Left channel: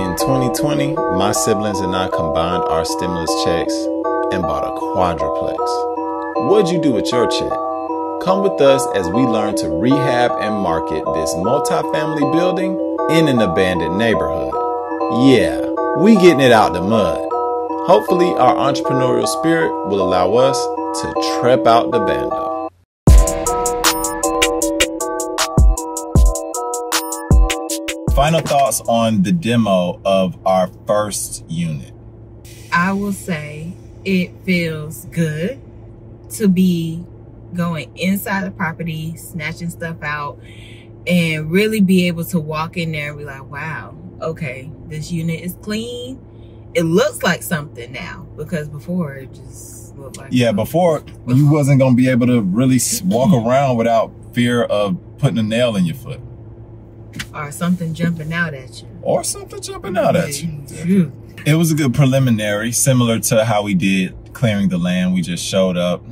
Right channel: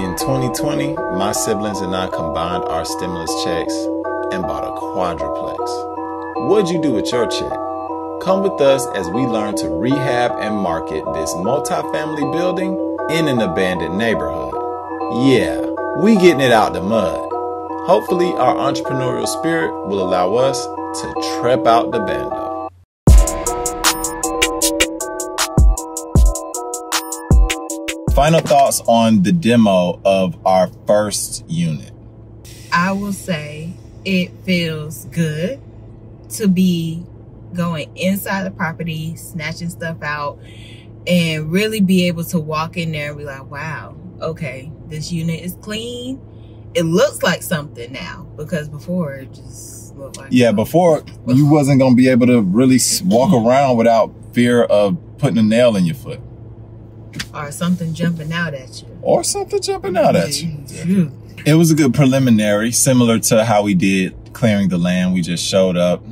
In 2020, my siblings and I combined our stimulus checks and bought a quadruplex. What'd you do with your check? Come with us as we learn to rehab and market this multifamily building in an abandoned neighborhood. Yeah, we getting it out the mud. Hopefully our entrepreneurial spirit will allow us to trep out the Bando. Final thoughts on the demo of our first unit. I will say it feels good to be going inside the property, snatching stuff out, and really be able to walk in there and be like, wow, okay, this unit is clean. It looks like something now, because before it just looked like something. Before you wasn't going to be able to really walk around without fear of putting a nail in your foot. Or something jumping out at you. It was a good preliminary, similar to how we did clearing the land. We just showed up,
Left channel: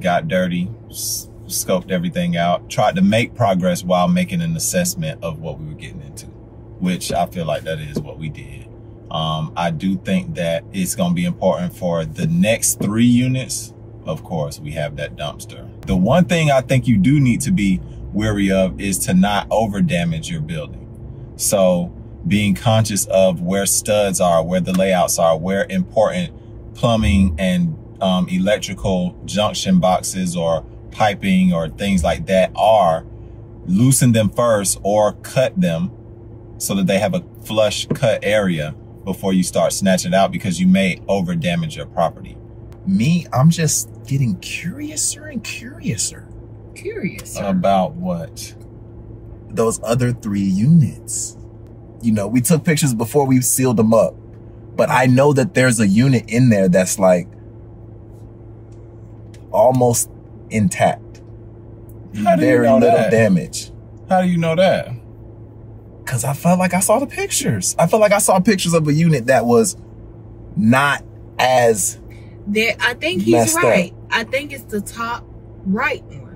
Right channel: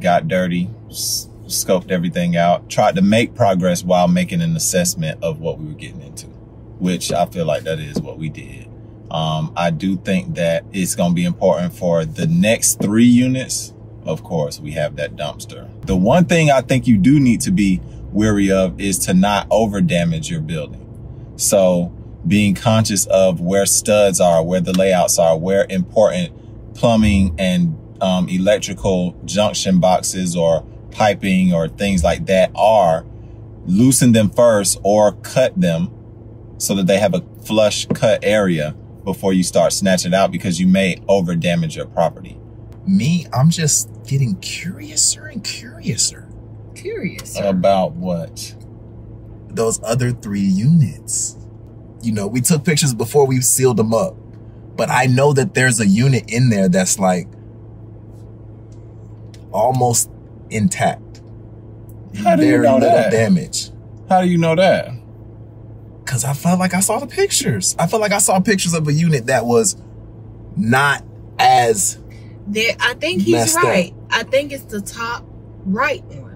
got dirty, scoped everything out, tried to make progress while making an assessment of what we were getting into, which I feel like that is what we did. I do think that it's going to be important for the next 3 units. Of course, we have that dumpster. The one thing I think you do need to be wary of is to not over damage your building. So being conscious of where studs are, where the layouts are, where important plumbing and electrical junction boxes or piping or things like that are, loosen them first or cut them so that they have a flush cut area before you start snatching out, because you may over damage your property. Me, I'm just getting curiouser and curiouser. About what? Those other 3 units. You know, we took pictures before we sealed them up, but I know that there's a unit in there that's like almost intact. How do you know little that? Damage. How do you know that? Because I felt like I saw the pictures. I felt like I saw pictures of a unit that was not as I think he's right. up. I think it's the top right one.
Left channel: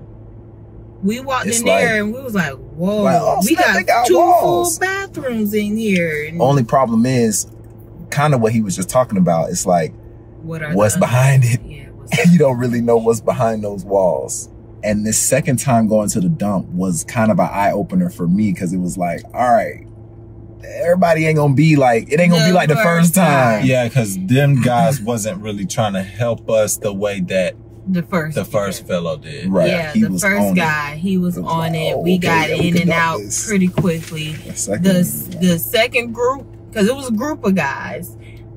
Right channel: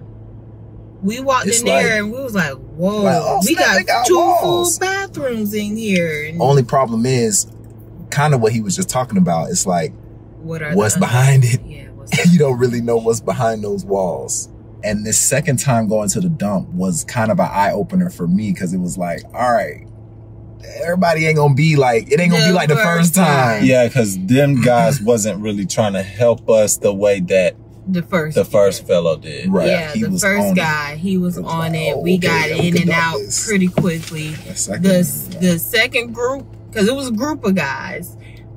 We walked It's in there like, and we was like, whoa, like, oh, we snap, got 2 full walls. bathrooms in here. And Only problem is kind of what he was just talking about. It's like, what's behind it? Yeah, You don't really know what's behind those walls. And this second time going to the dump was kind of an eye-opener for me, because it was like, all right, everybody ain't gonna be like, it ain't gonna be like the first time. Yeah, because them guys wasn't really trying to help us the way that the first fellow did. Right. Yeah, the first guy, he was on it. We got in and out pretty quickly. The second group, because it was a group of guys,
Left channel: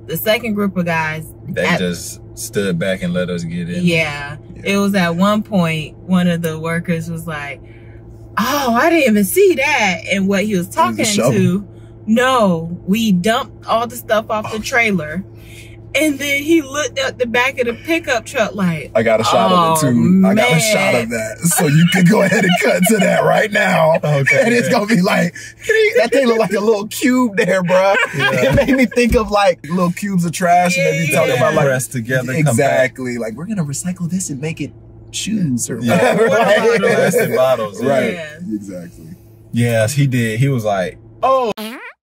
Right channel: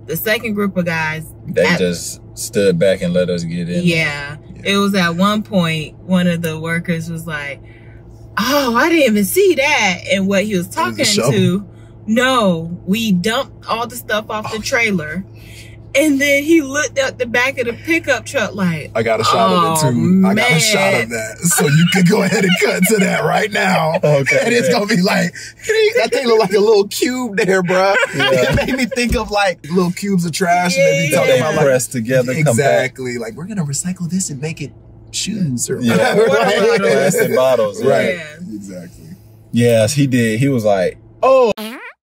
the second group of guys, they just stood back and let us get in. Yeah. It was at one point, one of the workers was like, oh, I didn't even see that. And what he was talking to, no, we dumped all the stuff off the trailer. And then he looked at the back of the pickup truck like, I got a shot of it too. I got a shot of that. So you can go ahead and cut to that right now. Okay. And it's going to be like, that thing look like a little cube there, bro. Yeah. It made me think of like little cubes of trash. And then you talk about like, pressed together. Exactly. Like, we're going to recycle this and make it shoes or whatever. And bottles. Right. Yeah. Exactly. Yes, he did. He was like, oh.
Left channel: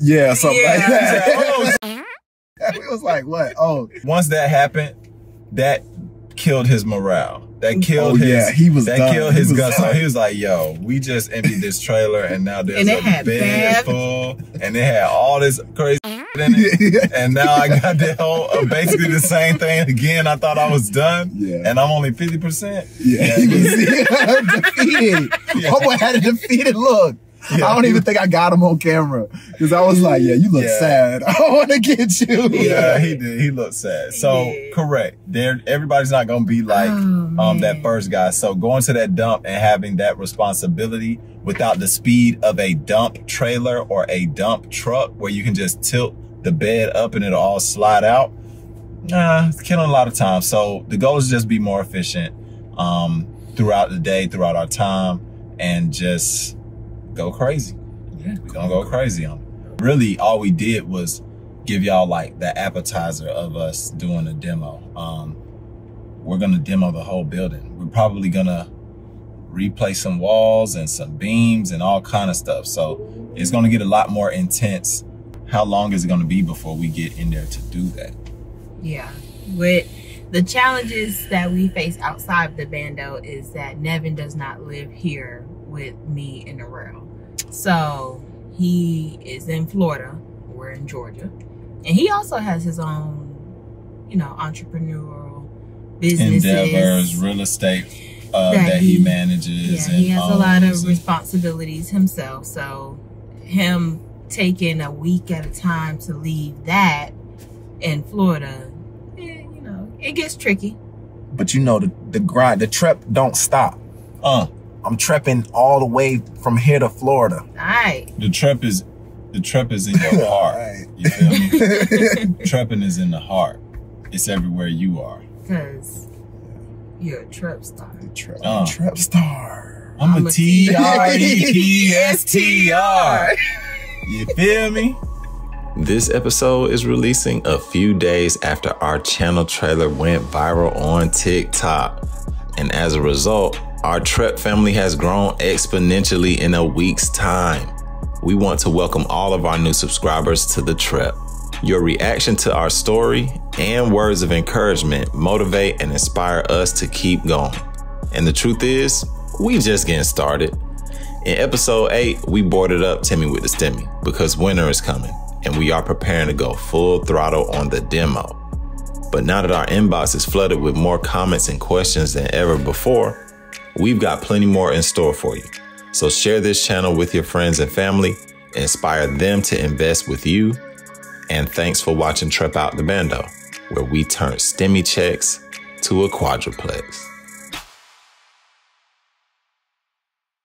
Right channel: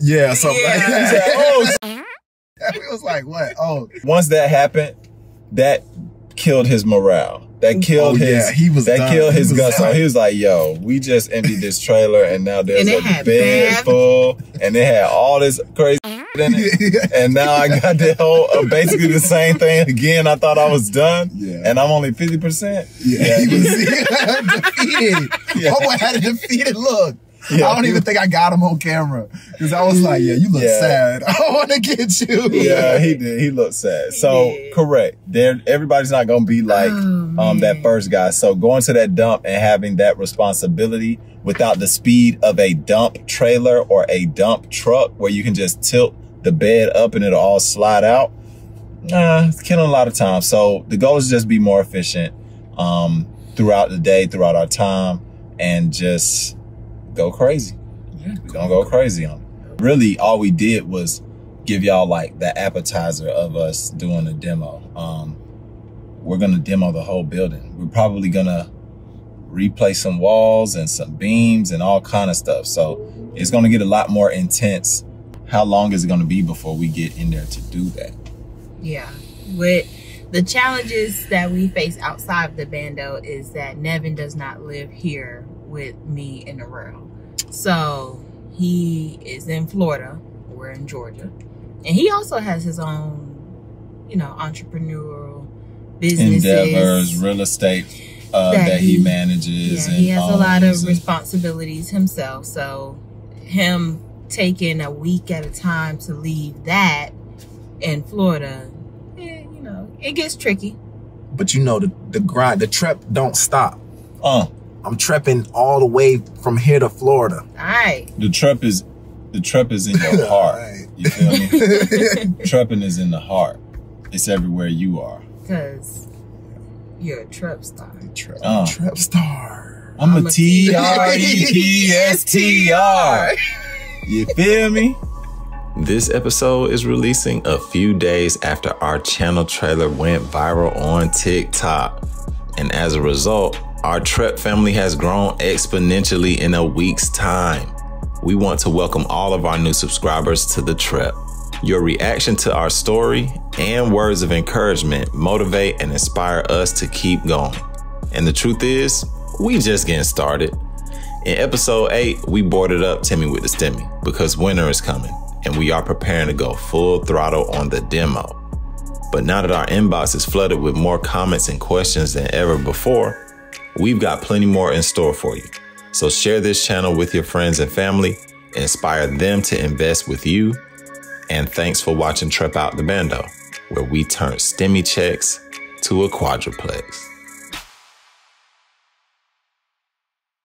Yeah, something like that. It was like, what? Oh. Once that happened, that killed his morale. That killed his guts. So he was like, yo, we just emptied this trailer and now there's a bed full and they had all this crazy in it. And now I got the whole, basically the same thing again. I thought I was done and I'm only 50%. Yeah. He was defeated. Homeboy had a defeated look. Yeah, I don't even think I got him on camera, because I was like, yeah, you look sad. I want to get you. Yeah, he did. He looked sad. So correct. Everybody's not going to be like that first guy. So going to that dump and having that responsibility without the speed of a dump trailer or a dump truck where you can just tilt the bed up and it'll all slide out, it's killing a lot of time. So the goal is just be more efficient throughout the day, throughout our time, and just go crazy. Yeah, we're gonna go crazy on it. Really, all we did was give y'all like the appetizer of us doing a demo. We're gonna demo the whole building. We're probably gonna replace some walls and some beams and all kind of stuff. So it's gonna get a lot more intense how long is it going to be before we get in there to do that? Yeah. With the challenges that we face outside of the Bando is that Nevin does not live here with me in the rail. So he is in Florida. We're in Georgia. And he also has his own, you know, entrepreneurial businesses. Endeavors, real estate that he manages. Yeah, he has a lot of responsibilities himself. So him taking a week at a time to leave that in Florida, you know, it gets tricky. But you know, the grind, the Trep don't stop. I'm trepping all the way from here to Florida. All right. The Trep is in your heart. Right. You feel me? Trepping is in the heart. It's everywhere you are. Because you're a Trep star. Trep star. I'm a T-R-E-P-S-T-R. You feel me? This episode is releasing a few days after our channel trailer went viral on TikTok. And as a result, our Trep family has grown exponentially in a week's time. We want to welcome all of our new subscribers to the Trep. Your reaction to our story and words of encouragement motivate and inspire us to keep going. And the truth is, we just getting started. In episode 8, we boarded up Timmy with the Stimmy because winter is coming and we are preparing to go full throttle on the demo. But now that our inbox is flooded with more comments and questions than ever before, we've got plenty more in store for you. So share this channel with your friends and family, inspire them to invest with you. And thanks for watching Trep Out the Bando, where we turn Stimmy checks to a quadruplex.